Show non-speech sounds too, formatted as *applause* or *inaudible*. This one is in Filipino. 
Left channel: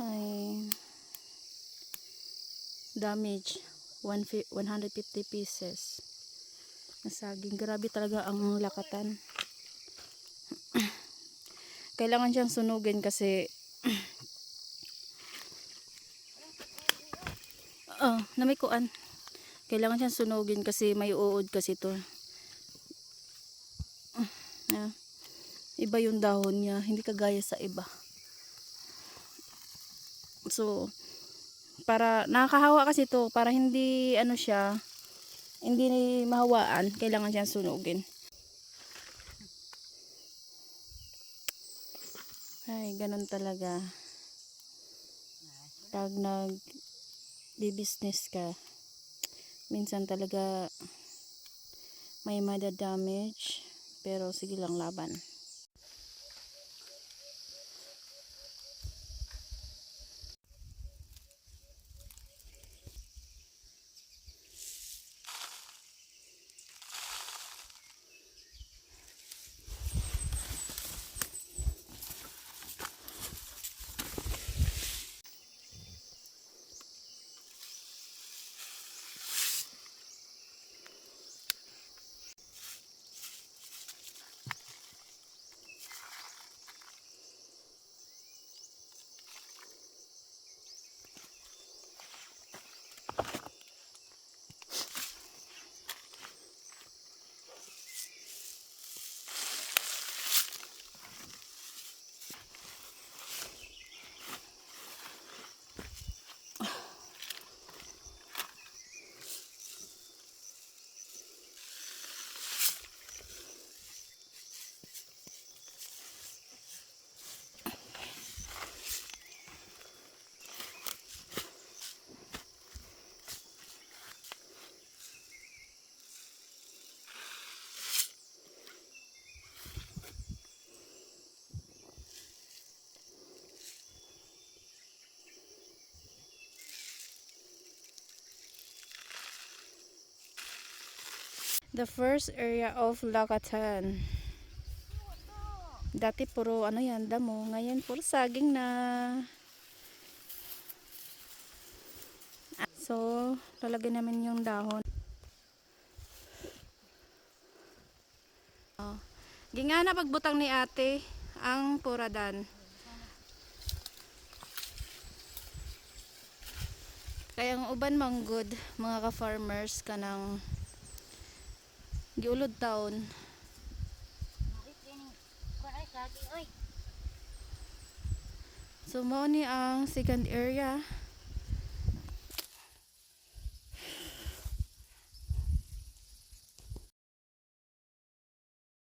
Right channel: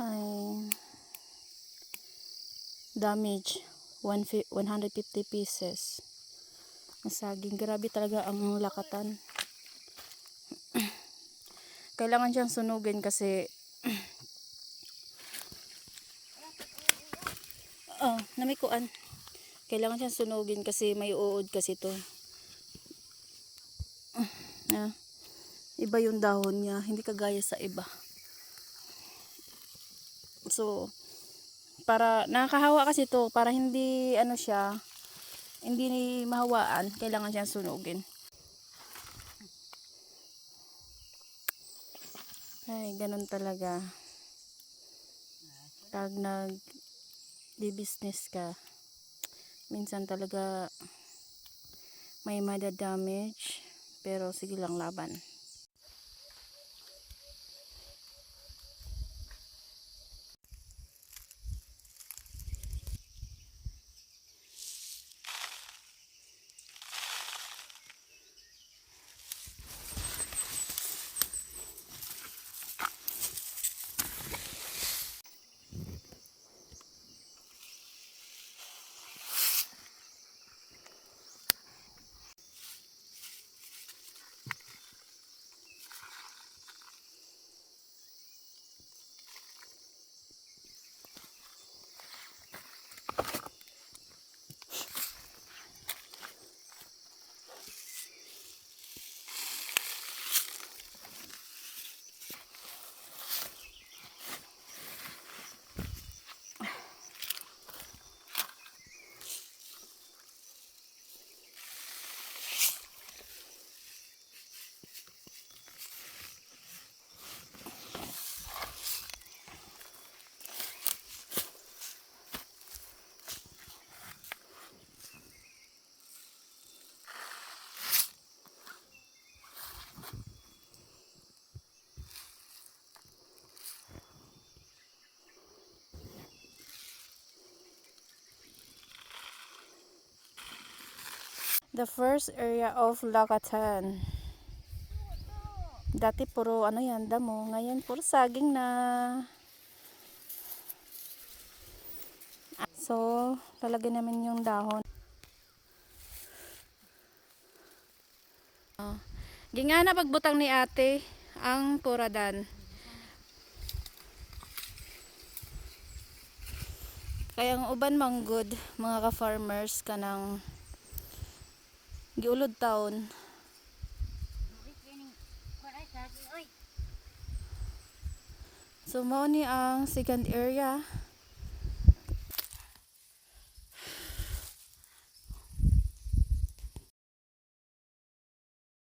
ay damage One fi- 150 pieces. Na saging grabe talaga ang lakatan. *clears throat* Kailangan siyang sunugin kasi oh, na may kuan. Kailangan siyang sunugin kasi may uod kasi to. Ah, iba yung dahon niya. Hindi kagaya sa iba so para nakakahawa kasi to para hindi ano siya hindi mahawaan kailangan siyang sunugin. Ay ganun talaga. Pag nag di business ka minsan talaga may damage pero sige lang laban the first area of Lakatan dati puro ano yan damo. Ngayon puro saging na. So lalagyan namin yung dahon. Oh. gingana pagbutang ni ate ang puradan. Kaya ang uban manggod mga ka-farmers kanang giulod taon. So mao ni ang second area